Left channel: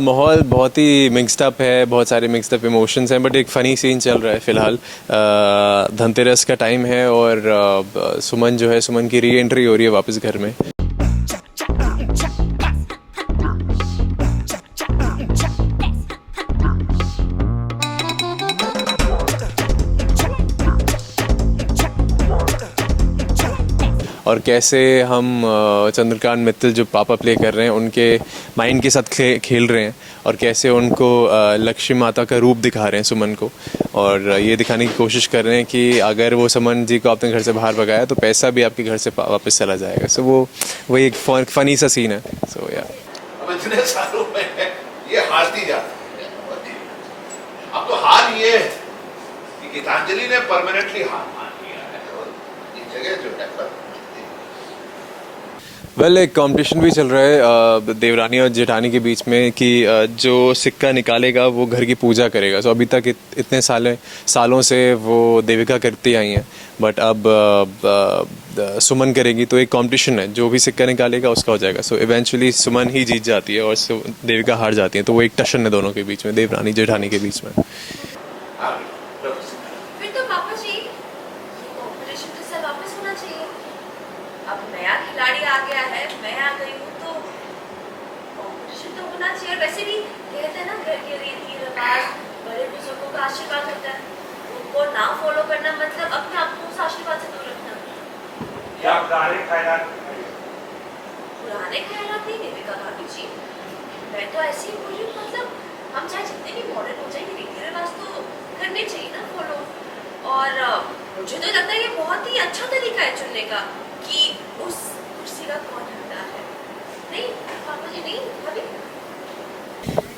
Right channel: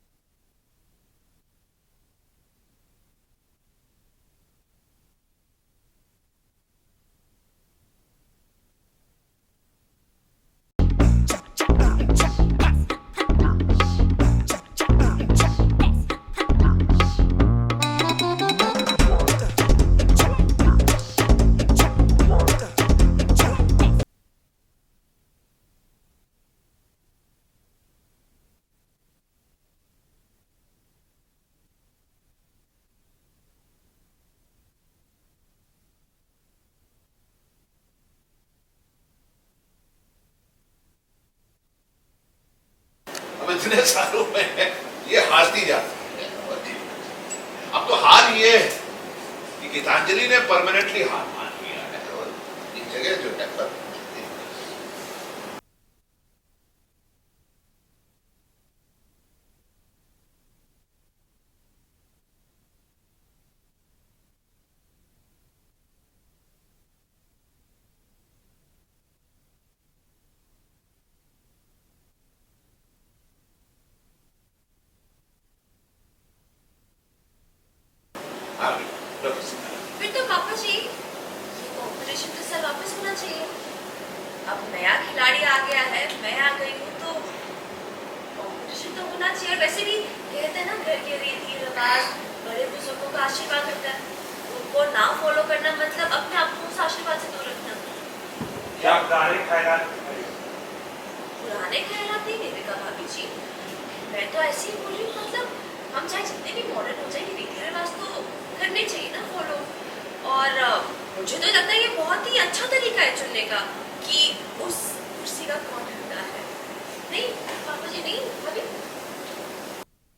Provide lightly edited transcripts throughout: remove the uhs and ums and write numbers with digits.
माहौल बहुत ही mixed up है, बहुत सारे मिक्स्ड अप इमोशंस हैं, बट एक फ़नी सीन चल रहा है फ़िलहाल। धनतेरस का टाइम है और सुमन जो है, सुमन की री एंट्री हो रही है वापस घर में। और कैसे हम चंद्रकांत मित्तल जो पापा प्ले कर रहे हैं उनके माइंड के साथ खेल रहे हैं, और कैसे उनको लक्ष्मी माता का रूप दिखा रहे हैं सुमन को, और ये दिखाने की कोशिश कर रहे हैं कि अगर वो सुमन जी को आपने घर से बाहर भगाया तो पैसा भी आपके घर से वापस चला जाएगा। सो वो एक फनी सा सीन है। सो या अब इतने सालों में ये हारती जाती है। अब तो हार ये है कि गीतांजलि ने परमानेंटली हार मान लिया है और एक जगह जो है वेल एक कंपटीशन भी चल रहा है देवरानी और जेठानी के बीच में कि जो सिक्का निकालेगा वो घर की पूजा करेगा। सो अभी तक इतने सालों से वो देविका करती आई हैं, बट अब सुमन करेगी, तो एक कंपटीशन है, जो भी सिक्का निकालेगा उसका हो जाएगा। सो इवेंचुअली सुमन ही जीत जाती है और देविका हार जाती है, तो वो एक टशन है दोनों के बीच में, देवरानी जेठानी के बीच में। फिर तो पापा जी ये कॉम्पिटिशन तो सर वापस होना चाहिए। अब नया खिलाड़ी आ गया है, मैं आ गई हूँ, तो कॉम्पिटिशन तो होना चाहिए। और वैसे भी कहते हैं ना, घर के रीति रिवाज बड़े बुजुर्गों का आशीर्वाद होता है, उनको ना फॉलो करना मतलब अपने आप को उस आशीर्वाद से दूर रखना। या पुराने ख्यालात नहीं देविका भाभी जी, मैं तो ऐसे ही बोल रही हूँ। मतलब हम चाहे जितने भी मॉडर्न हो जाएंगे, रीति रिवाज तो करने चाहिए ना फॉलो। और मुझे तो लगता है ये बहुत ही अच्छा तरीका है चुनने का कि उस कुर्सी का कौन हकदार है। नहीं पापा जी, नहीं भाभी।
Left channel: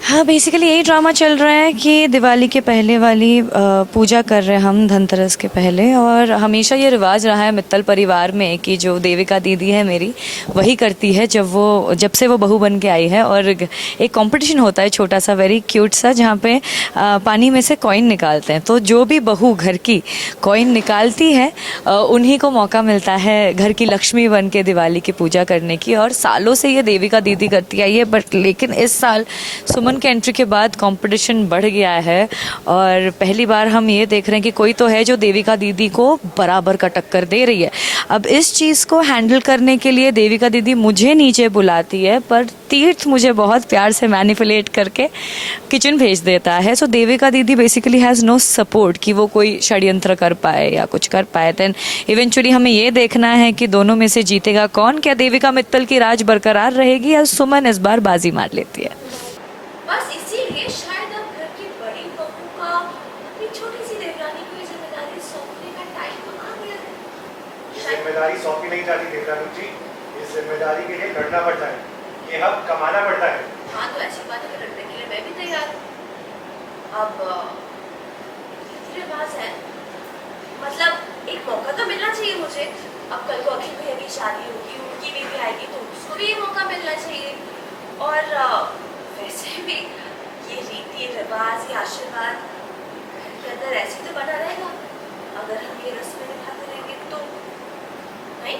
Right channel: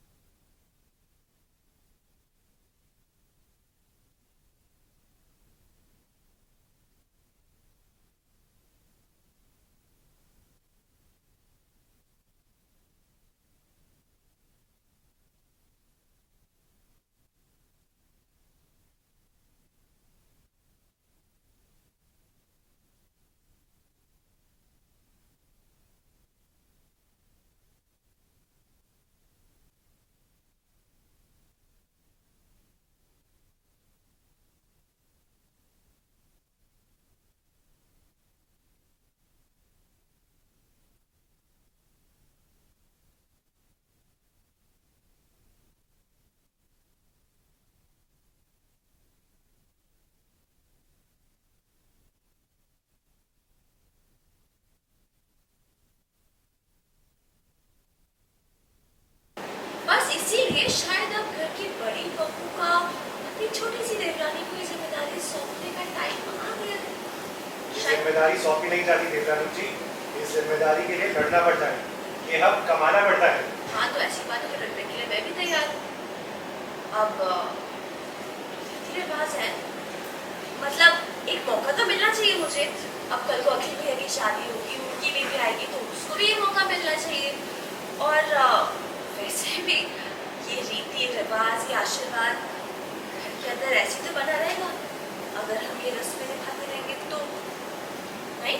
हाँ, बेसिकली यही ड्रामा चल रहा है कि दिवाली के पहले वाली पूजा कर रहे हैं हम धनतेरस के पहले। और हमेशा ये रिवाज रहा है मित्तल परिवार में कि जो देविका दीदी है मेरी, वही करती है जब से वो बहू बन के आई है। और एक कंपटीशन होता है छोटा सा, वेरी क्यूट सा, जहाँ पे पानी में से कॉइन निकालते हैं। तो जो भी बहू घर की कॉइन निकालती है उन्हीं को मौका मिलता है घर की लक्ष्मी बन के दिवाली की पूजा करने की। और सालों से ये देविका दीदी करती आई है, बट लेकिन इस साल सुमन के एंट्री के बाद कंपटीशन बढ़ गया है। और पहली बार हम ये देख रहे हैं कि कोई तो है जो देविका दीदी को बराबर का टक्कर दे रही है। अब इस चीज़ को हैंडल करने के लिए देविका दीदी मुझे नीचे बुलाती है, पर तीर्थ मुझे बहुत प्यार से मैनिपुलेट करके किचन भेज देता है। सो देविका दीदी बेसिकली हैज़ नो सपोर्ट कि वो कोई षड्यंत्र कर पाए या कुछ कर पाए। देन इवेंचुअली हमें ये देखना है कि दोनों में से जीतेगा कौन। क्या देविका मित्तल की राज बरकरार रहेगी या सुमन इस बार बाजी मार लेती है? बस इसीलिए शायद अब घर की बड़ी बहू का अपनी छोटी सी देवरानी को जिम्मेदारी सौंपने का टाइम आ गया है। जिम्मेदारी सौंपी नहीं जाती देवरानी जी, इस जिम्मेदारी के लिए लड़ना पड़ता है, ये हक कमाना पड़ता है। हाँ, तो ऐसी बात है, लड़ने के लिए मैं भी तैयार हूँ। अब रीति रिवाज है, मतलब एक मौका तो मिलना चाहिए मुझे। अब कल को अखिल भैया की शादी होगी, उनकी बेबी आएगी, तो उसको भी ये मौका मिलना चाहिए। और वैसे भी ये रीति रिवाज, ये आशीर्वाद घर के अंदर ऐसे तो बना रहेगा अगर हम ये रस्में निभाते रहेंगे तो। नहीं।